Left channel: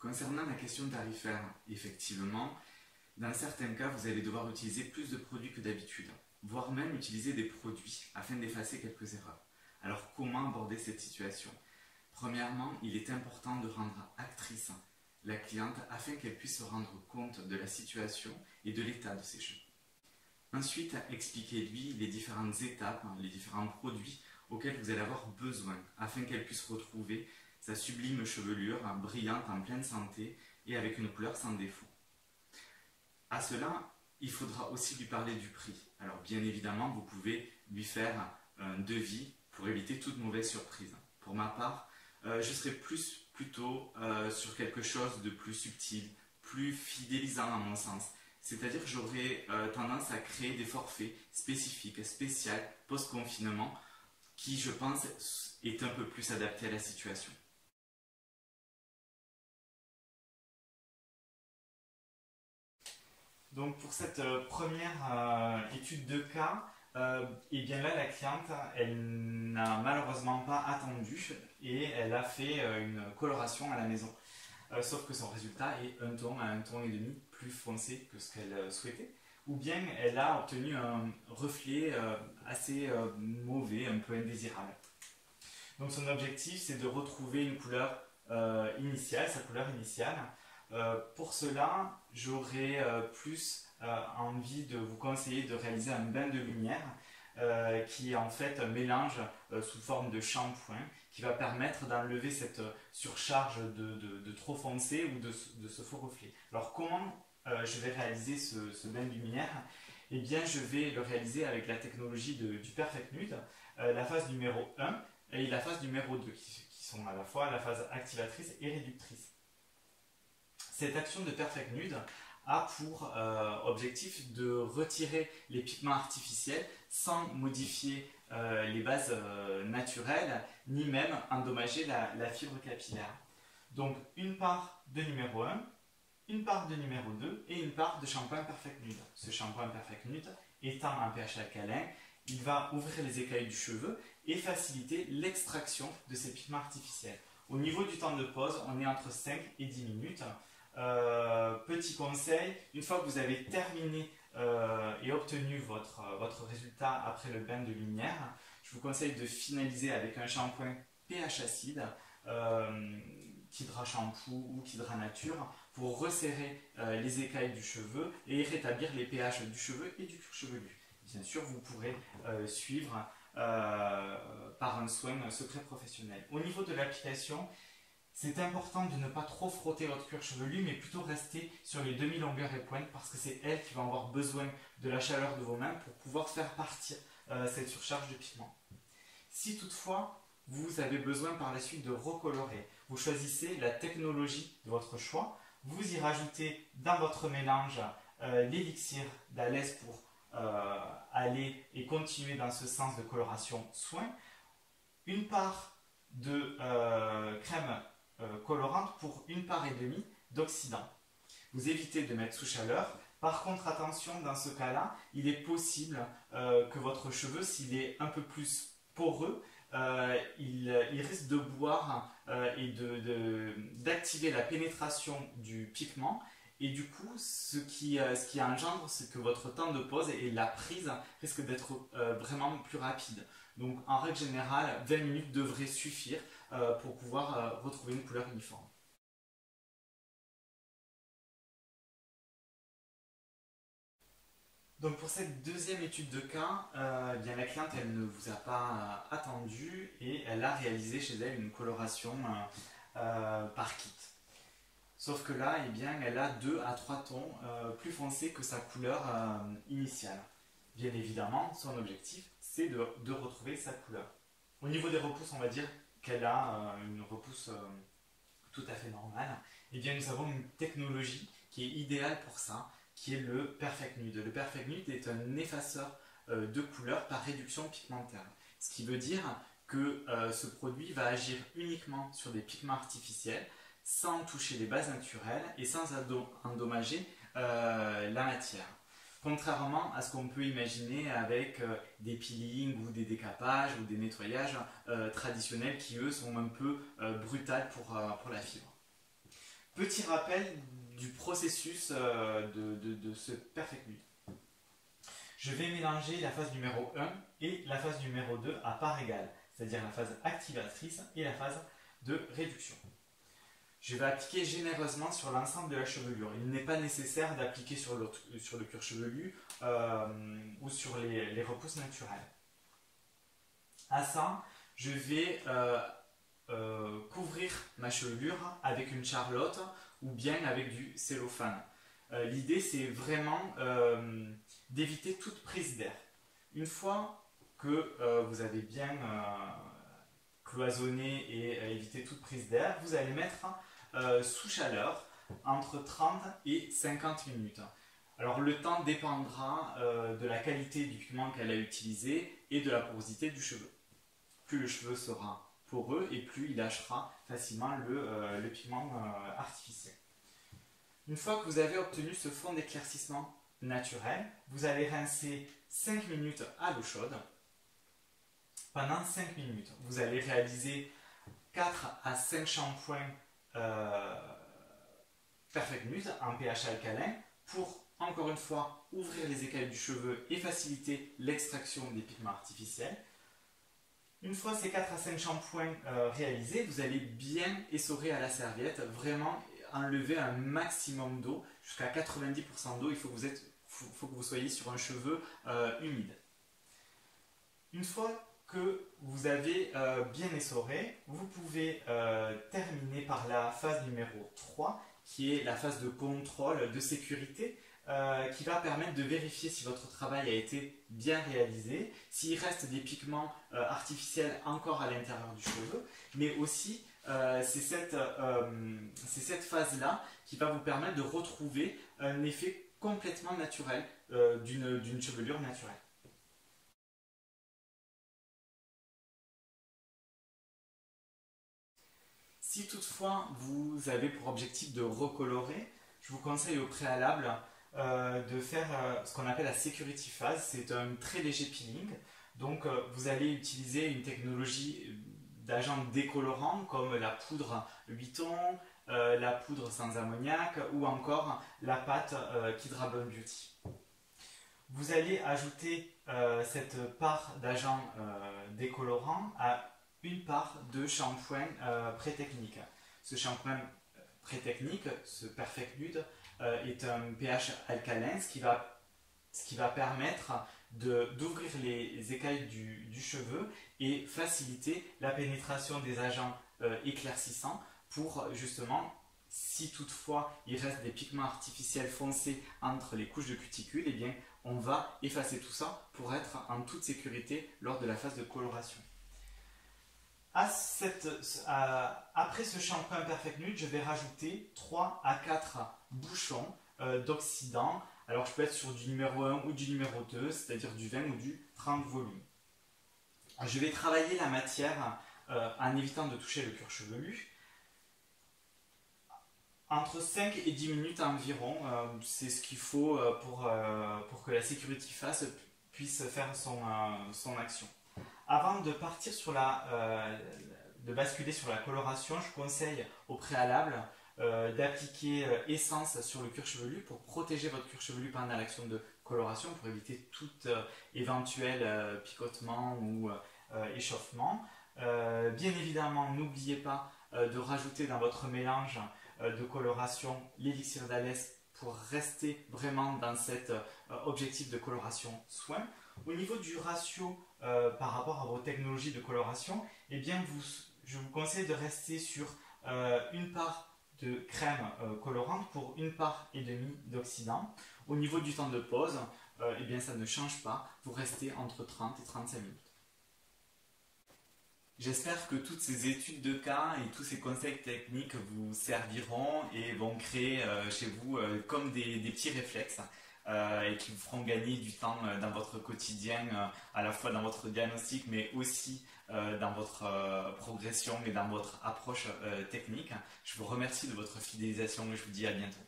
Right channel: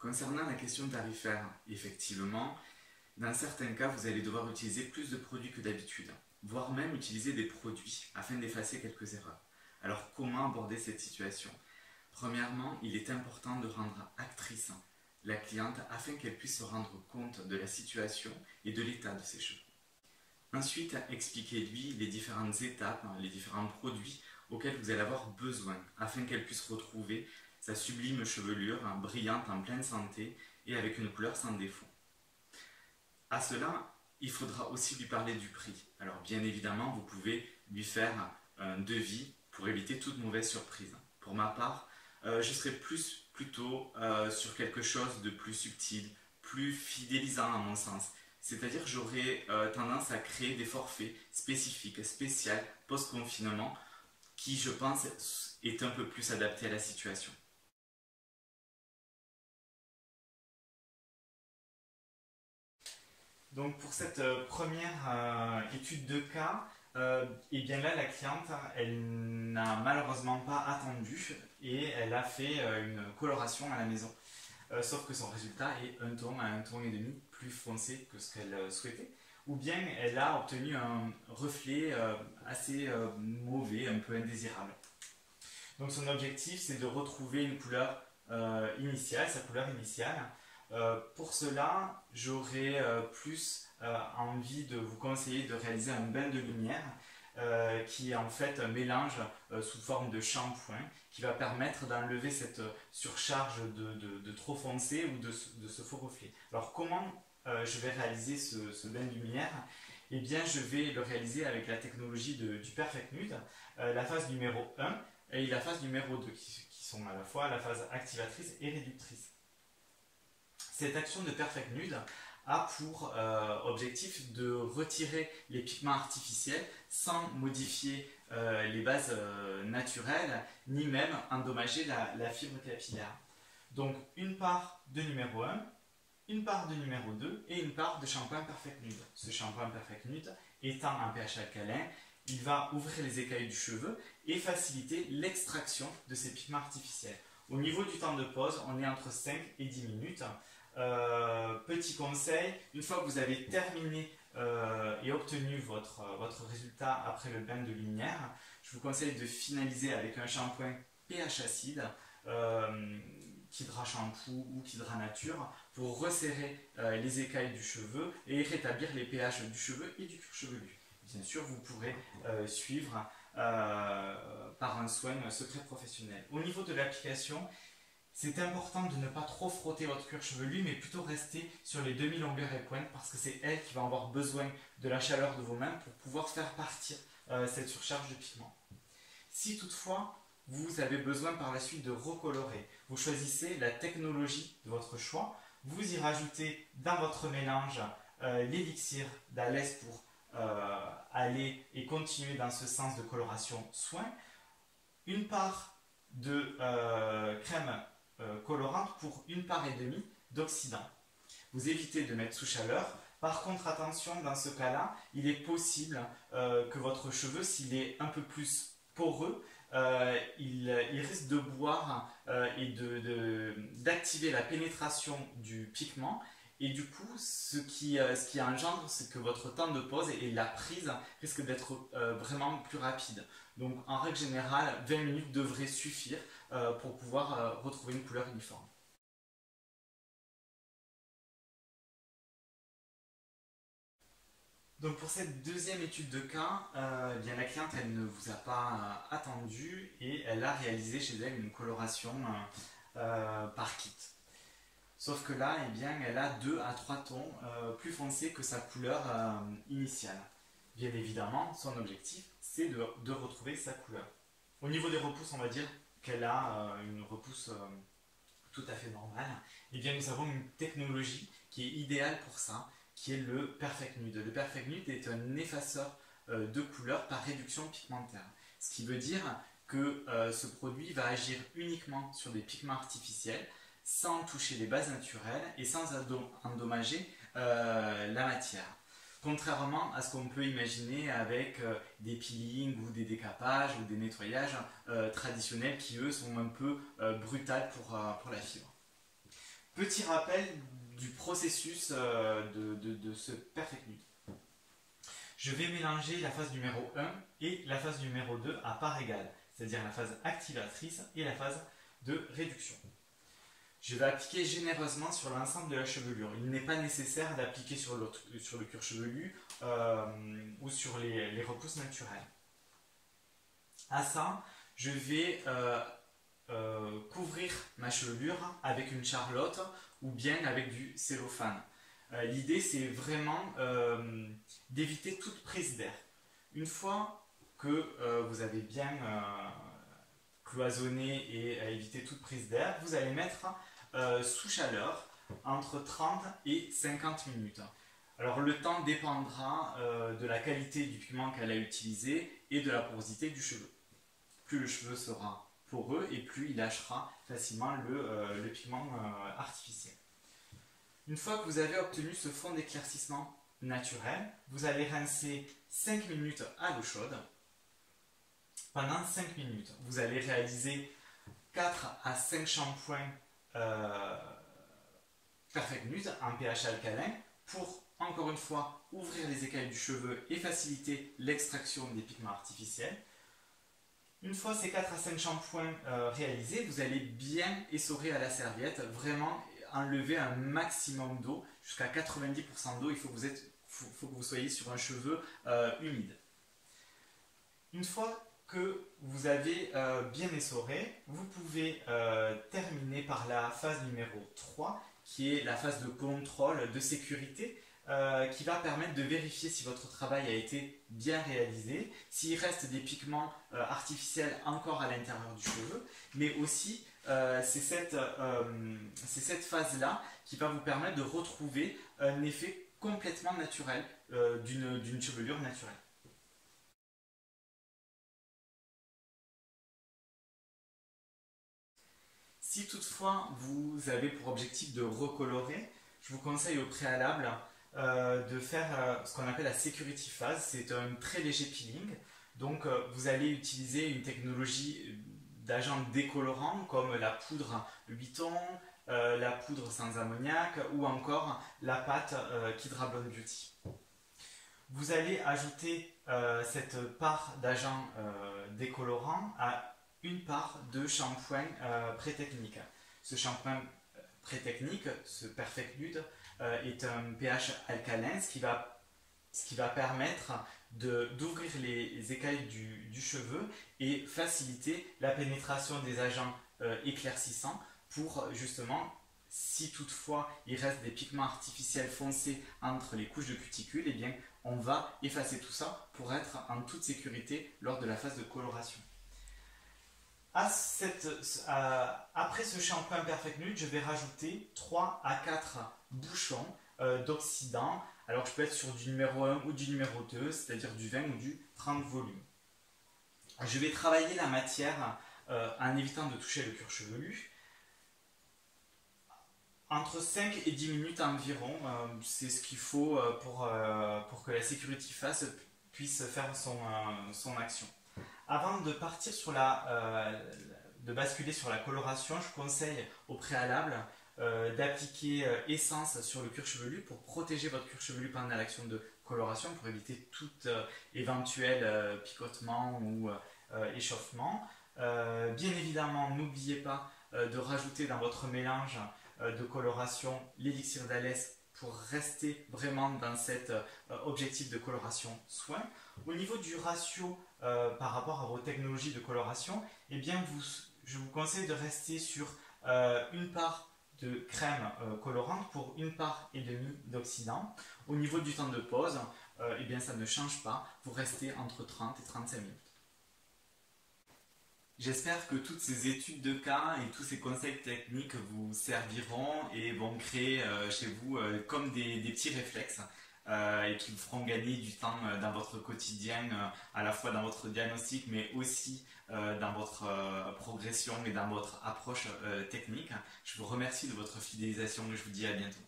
Concernant la question tarifaire, effectivement, dans certains cas, vous allez devoir utiliser plus de produits que d'habitude, voire même utiliser des produits afin d'effacer quelques erreurs. Alors comment aborder cette situation? Premièrement, il est important de rendre actrice la cliente afin qu'elle puisse se rendre compte de la situation et de l'état de ses cheveux. Ensuite, expliquez-lui les différentes étapes, les différents produits auxquels vous allez avoir besoin afin qu'elle puisse retrouver sa sublime chevelure brillante en pleine santé et avec une couleur sans défaut. À cela, il faudra aussi lui parler du prix. Alors bien évidemment, vous pouvez lui faire un devis pour éviter toute mauvaise surprise. Pour ma part, je serais plutôt sur quelque chose de plus subtil, plus fidélisant à mon sens. C'est-à-dire que j'aurais tendance à créer des forfaits spécifiques, spéciaux, post-confinement, qui je pense est un peu plus adapté à la situation. Donc pour cette première étude de cas, et bien là la cliente elle n'a malheureusement pas attendu et elle a fait une coloration à la maison. Sauf que son résultat est un ton à un ton et demi plus foncé que ce qu'elle souhaitait. Ou bien elle a obtenu un reflet assez mauvais, un peu indésirable. Donc son objectif c'est de retrouver une couleur initiale, sa couleur initiale. Pour cela, j'aurais plus envie de vous conseiller de réaliser un bain de lumière qui est en fait un mélange sous forme de shampoing qui va permettre d'enlever cette surcharge de trop foncé ou de ce faux reflet. Alors comment je vais réaliser ce bain de lumière? Eh bien je vais le réaliser avec la technologie du Perfect Nude, la phase numéro 1 et la phase numéro 2 qui sont à la fois la phase activatrice et réductrice. Cette action de Perfect Nude a pour objectif de retirer les pigments artificiels sans modifier les bases naturelles, ni même endommager la fibre capillaire. Donc une part de numéro 1, une part de numéro 2 et une part de shampoing Perfect Nude. Ce shampoing Perfect Nude étant un pH alcalin, il va ouvrir les écailles du cheveu et faciliter l'extraction de ces pigments artificiels. Au niveau du temps de pose, on est entre 5 et 10 minutes. Petit conseil, une fois que vous avez terminé et obtenu votre résultat après le bain de lumière, je vous conseille de finaliser avec un shampoing pH acide, Kidra Shampoo ou Kidra Nature, pour resserrer les écailles du cheveu et rétablir les pH du cheveu et du cuir chevelu. Bien sûr, vous pourrez suivre par un soin secret professionnel. Au niveau de l'application, c'est important de ne pas trop frotter votre cuir chevelu, mais plutôt rester sur les demi-longueurs et pointes parce que c'est elle qui va avoir besoin de la chaleur de vos mains pour pouvoir faire partir cette surcharge de pigments. Si toutefois vous avez besoin par la suite de recolorer, vous choisissez la technologie de votre choix, vous y rajoutez dans votre mélange l'élixir d'Alès pour aller et continuer dans ce sens de coloration soin, une part de crème colorante pour une part et demie d'oxydant. Vous évitez de mettre sous chaleur. Par contre, attention, dans ce cas-là, il est possible que votre cheveu, s'il est un peu plus poreux, il risque de boire et d'activer la pénétration du pigment. Et du coup, ce qui engendre, c'est que votre temps de pose et la prise risquent d'être vraiment plus rapides. Donc, en règle générale, 20 minutes devraient suffire pour pouvoir retrouver une couleur uniforme. Donc pour cette deuxième étude de cas, bien la cliente elle ne vous a pas attendu et elle a réalisé chez elle une coloration par kit. Sauf que là, eh bien, elle a 2 à 3 tons plus foncés que sa couleur initiale. Bien évidemment, son objectif, c'est de retrouver sa couleur. Au niveau des repousses, on va dire qu'elle a une repousse tout à fait normale. Eh bien, nous avons une technologie qui est idéale pour ça, qui est le Perfect Nude. Le Perfect Nude est un effaceur de couleur par réduction pigmentaire. Ce qui veut dire que ce produit va agir uniquement sur des pigments artificiels, sans toucher les bases naturelles et sans endommager la matière. Contrairement à ce qu'on peut imaginer avec des peelings ou des décapages ou des nettoyages traditionnels qui eux sont un peu brutals pour la fibre. Petit rappel du processus de ce perfect nude. Je vais mélanger la phase numéro 1 et la phase numéro 2 à parts égales, c'est-à-dire la phase activatrice et la phase de réduction. Je vais appliquer généreusement sur l'ensemble de la chevelure. Il n'est pas nécessaire d'appliquer sur le cuir chevelu ou sur les repousses naturelles. À ça, je vais couvrir ma chevelure avec une charlotte ou bien avec du cellophane. L'idée, c'est vraiment d'éviter toute prise d'air. Une fois que vous avez bien cloisonné et évité toute prise d'air, vous allez mettre sous chaleur entre 30 et 50 minutes. Alors le temps dépendra de la qualité du pigment qu'elle a utilisé et de la porosité du cheveu. Plus le cheveu sera poreux et plus il lâchera facilement le pigment artificiel. Une fois que vous avez obtenu ce fond d'éclaircissement naturel, vous allez rincer 5 minutes à l'eau chaude. Pendant 5 minutes, vous allez réaliser 4 à 5 shampoings Perfect Nude en pH alcalin pour, encore une fois, ouvrir les écailles du cheveu et faciliter l'extraction des pigments artificiels. Une fois ces 4 à 5 shampoings réalisés, vous allez bien essorer à la serviette, vraiment enlever un maximum d'eau, jusqu'à 90% d'eau. Il faut que vous soyez sur un cheveu humide. Une fois que vous avez bien essoré, vous pouvez terminer par la phase numéro 3, qui est la phase de contrôle de sécurité, qui va permettre de vérifier si votre travail a été bien réalisé, s'il reste des pigments artificiels encore à l'intérieur du cheveu, mais aussi c'est cette phase-là qui va vous permettre de retrouver un effet complètement naturel d'une chevelure naturelle. Si toutefois vous avez pour objectif de recolorer, je vous conseille au préalable de faire ce qu'on appelle la security phase. C'est un très léger peeling. Donc vous allez utiliser une technologie d'agents décolorants comme la poudre Vuitton, la poudre sans ammoniac ou encore la pâte Kidra Blonde Beauty. Vous allez ajouter cette part d'agent décolorant à une part de shampoing pré-technique. Ce shampoing pré-technique, ce Perfect Nude, est un pH alcalin, ce qui va permettre d'ouvrir les écailles du cheveu et faciliter la pénétration des agents éclaircissants pour justement, si toutefois il reste des pigments artificiels foncés entre les couches de cuticule, eh bien on va effacer tout ça pour être en toute sécurité lors de la phase de coloration. Après ce shampoing Perfect Nude, je vais rajouter 3 à 4 bouchons d'oxydant. Alors je peux être sur du numéro 1 ou du numéro 2, c'est-à-dire du 20 ou du 30 volumes. Je vais travailler la matière en évitant de toucher le cuir chevelu. Entre 5 et 10 minutes environ, c'est ce qu'il faut pour que la security phase puisse faire son action. Avant de partir de basculer sur la coloration, je conseille au préalable d'appliquer essence sur le cuir chevelu pour protéger votre cuir chevelu pendant l'action de coloration, pour éviter tout éventuel picotement ou échauffement. Bien évidemment, n'oubliez pas de rajouter dans votre mélange de coloration l'élixir d'Alès pour rester vraiment dans cet objectif de coloration soin. Au niveau du ratio par rapport à vos technologies de coloration, eh bien je vous conseille de rester sur une part de crème colorante pour une part et demie d'oxydant. Au niveau du temps de pause, eh bien ça ne change pas, vous restez entre 30 et 35 minutes. J'espère que toutes ces études de cas et tous ces conseils techniques vous serviront et vont créer chez vous comme des petits réflexes et qui vous feront gagner du temps dans votre quotidien, à la fois dans votre diagnostic mais aussi dans votre progression et dans votre approche technique. Je vous remercie de votre fidélisation et je vous dis à bientôt.